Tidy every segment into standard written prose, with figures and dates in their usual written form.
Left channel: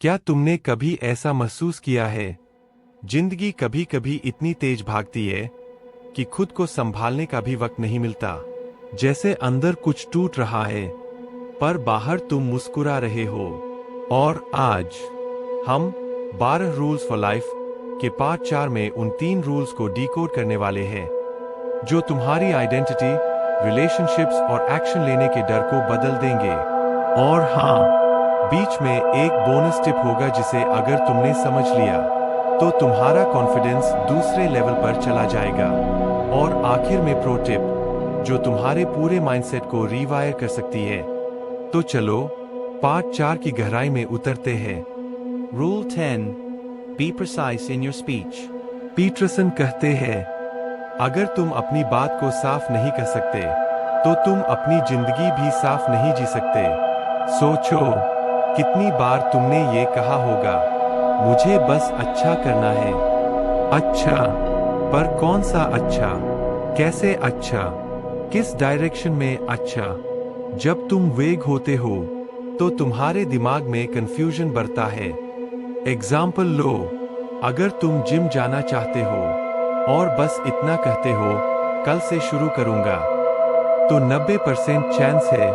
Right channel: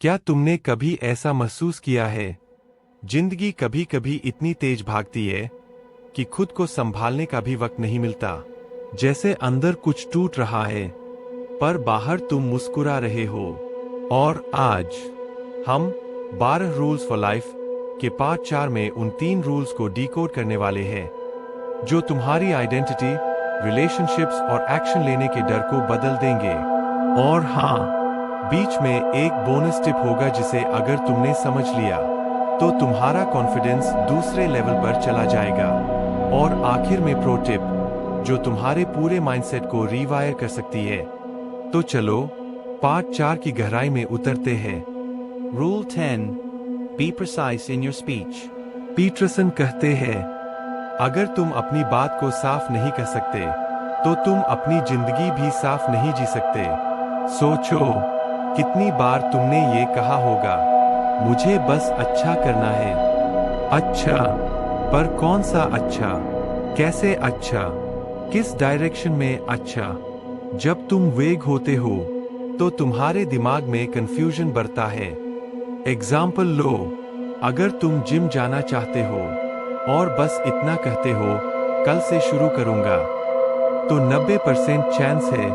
क्या तुमने कभी ऐसा महसूस किया है? जिंदगी कभी कभी इतनी तेज भागती है कि खुद को संभालने का भी वक्त नहीं मिलता। जैसे अंदर कुछ टूट रहा है, पर बाहर तुम मुस्कुरा रहे हो। और आज हम 12 रूल्स फॉर लाइफ के पार्ट 4 में उन 3 रूल्स को डिकोड करने वाले हैं, जो तुम्हारी आइडेंटिटी, रिलेशनशिप्स और एक्शन लेने के डर को बदल देंगे। और हाँ, बीच में एक बोनस टिप होगा जिसे अगर तुमने समझ लिया तो तुम्हारा कॉन्फिडेंस दूसरे लेवल पर चला जाएगा। और आखिर में प्रो टिप, जो तुम्हारे पूरे माइंडसेट को रीवायर कर सकती है। तो चलो पार्ट 4 की गहराई में उतरते हैं। Rule 10. Be precise in your speech. Peterson कहते हैं, अगर तुम अपनी बात को साफ नहीं कर सकते तो तुम अपनी जिंदगी भी साफ नहीं जी सकते। सोचो, कितनी बार तुमने ये कहा होगा, मुझे बस अच्छा करना है। अच्छा, पर कौन सा अच्छा? कैसे अच्छा? किस डायरेक्शन में अच्छा? जब तुम वेग होते हो तो तुम्हारे दिमाग में कंफ्यूजन बढ़ता है। एग्जाम्पल लो, अगर तुम जिम जाना चाहते हो और बस इतना कहते हो, कल से शुरू करूंगा, तो 90% चांस है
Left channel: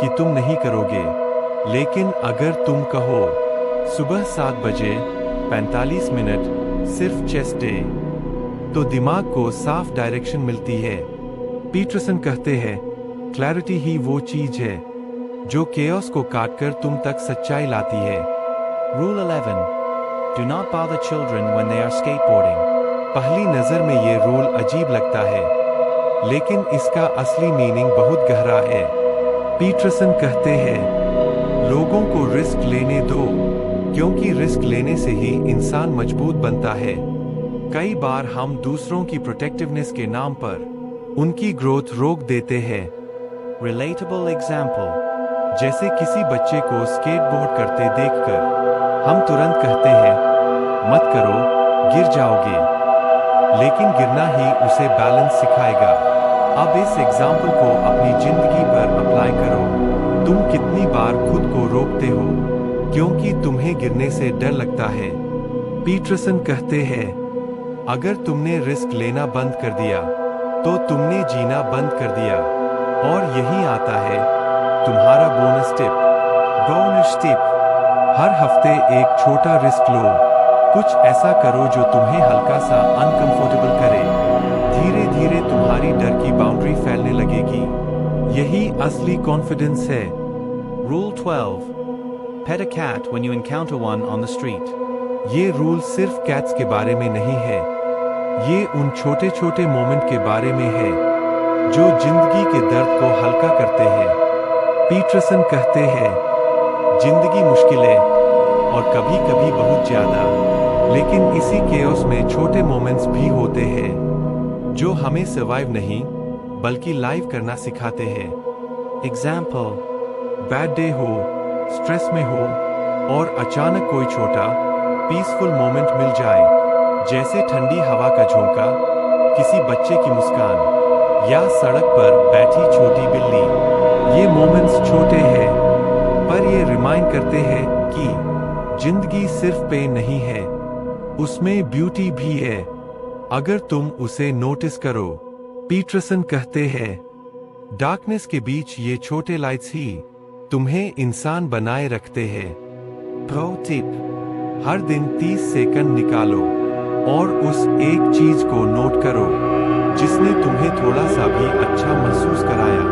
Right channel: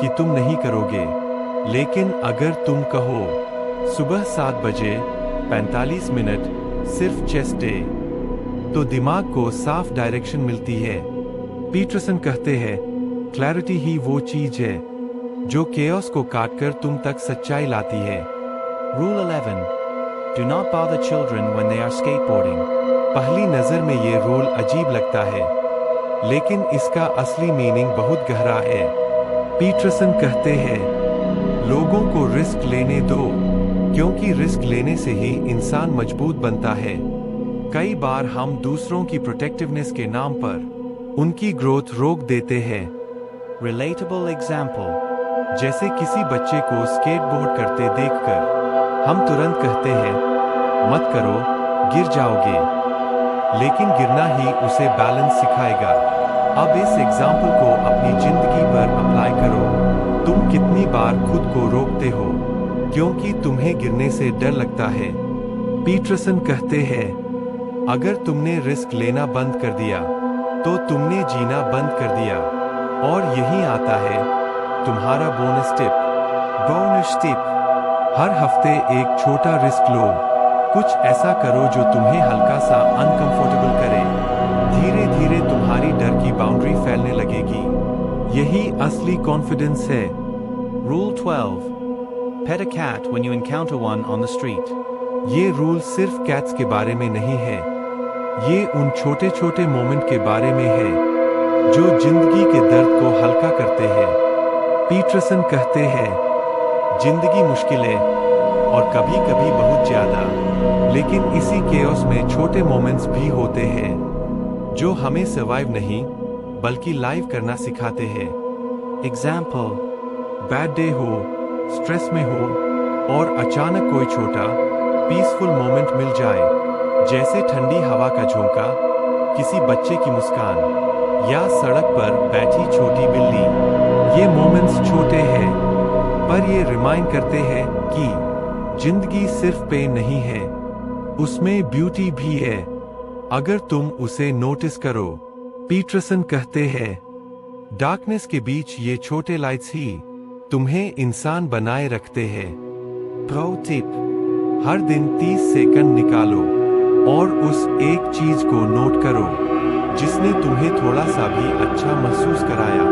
कि तुम नहीं करोगे। लेकिन अगर तुम कहो, सुबह 7 बजे 45 मिनट सिर्फ चेस्ट डे, तो दिमाग को साफ डायरेक्शन मिलती है। पीटरसन कहते हैं, क्लैरिटी ही वो चीज है जो केओस को काटकर तुम तक सच्चाई लाती है। Rule 11. Do not bother children when they are skateboarding. पहली नजर में ये रूल अजीब लगता है, लेकिन इसका असली मीनिंग बहुत गहरा है। पीटरसन कहते हैं, लोगों को रिस्क लेने दो, क्योंकि रिस्क लेने से ही इंसान मजबूत बनता है। कई बार हम दूसरों की प्रोटेक्टिवनेस के नाम पर उनकी ग्रोथ रोक देते हैं। Relatable example. जैसे किसी बच्चे को स्केटबोर्ड करते देखकर हम तुरंत कहते हैं, मत करो, गिर जाओगे। लेकिन गिरना ही उसे बैलेंस सिखाएगा। अब इस एग्जाम्पल को अपनी जिंदगी पर अप्लाई करो। तुम कितनी बार खुद को रोकते हो क्योंकि तुम्हें गिरने से डर लगता है? पीटरसन कहते हैं, अगर तुमने रिस्क लेना बंद कर दिया तो तुमने जीना बंद कर दिया। और यही आता है तुम्हारा बोनस टिप। बोनस टिप, हर हफ्ते एक छोटा रिस्क लो। कुछ ऐसा करो जो तुम्हें हल्का सा अनकंफर्टेबल करे। धीरे धीरे तुम्हारी डर की बाउंड्री फैलने लगेगी। यही असली कॉन्फिडेंस है। Rule 12. Pet a cat when you encounter one on the street. ये रूल सिर्फ कैट्स के बारे में नहीं है, ये उन छोटे छोटे मोमेंट के बारे में है जो जिंदगी के दर्द को हल्का करते हैं। पीटरसन कहते हैं, जिंदगी मुश्किल है और कभी कभी बहुत ज्यादा, लेकिन इसी केओस में छोटे मोमेंट्स भी होते हैं जो हमें सर्वाइव नहीं बल्कि लाइव करना सिखाते हैं। Example. बैड डे हो, स्ट्रेस में हो और अचानक कोई छोटा पीसफुल मोमेंट मिल जाए, जैसे ठंडी हवा का झोंका, किसी बच्चे की मुस्कान या सड़क पर बैठी छोटी बिल्ली। ये मोमेंट्स छोटे हैं, पर ये रिमाइंड करते हैं कि जिंदगी सिर्फ पेन नहीं है, उसमें ब्यूटी भी है अगर तुम उसे नोटिस करो। पीटरसन कहते हैं, डार्कनेस के बीच ये छोटे लाइट्स ही तुम्हें इंसान बनाए रखते हैं। प्रो टिप, हर दिन 30 सेकंड निकालो और उस एक चीज को नोट करो जिसने तुम्हें थोड़ा सा भी अच्छा महसूस कराया।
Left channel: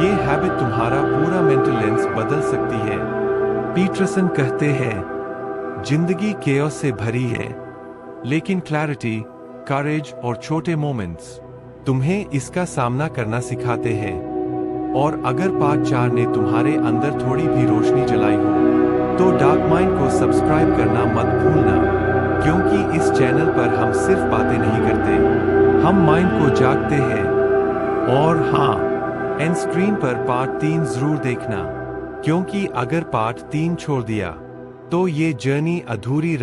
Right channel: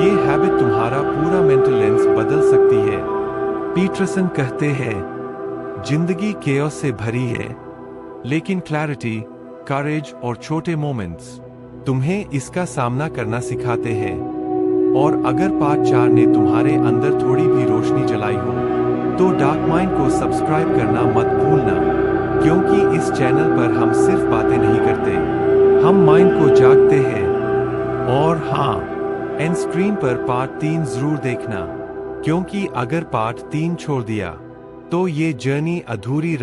ये हैबिट तुम्हारा पूरा मेंटल लेंस बदल सकती है। पीटरसन कहते हैं, जिंदगी केओस से भरी है, लेकिन क्लैरिटी, करेज और छोटे मोमेंट्स तुम्हें इसका सामना करना सिखाते हैं। और अगर पार्ट 4 ने तुम्हारे अंदर थोड़ी भी रोशनी जलाई हो तो डार्क माइंड को सब्सक्राइब करना मत भूलना, क्योंकि इस चैनल पर हम सिर्फ बातें नहीं करते, हम माइंड को जागते हैं। और हाँ, एंड स्क्रीन पर पार्ट 3 जरूर देखना, क्योंकि अगर पार्ट 3 छोड़ दिया तो ये जर्नी अधूरी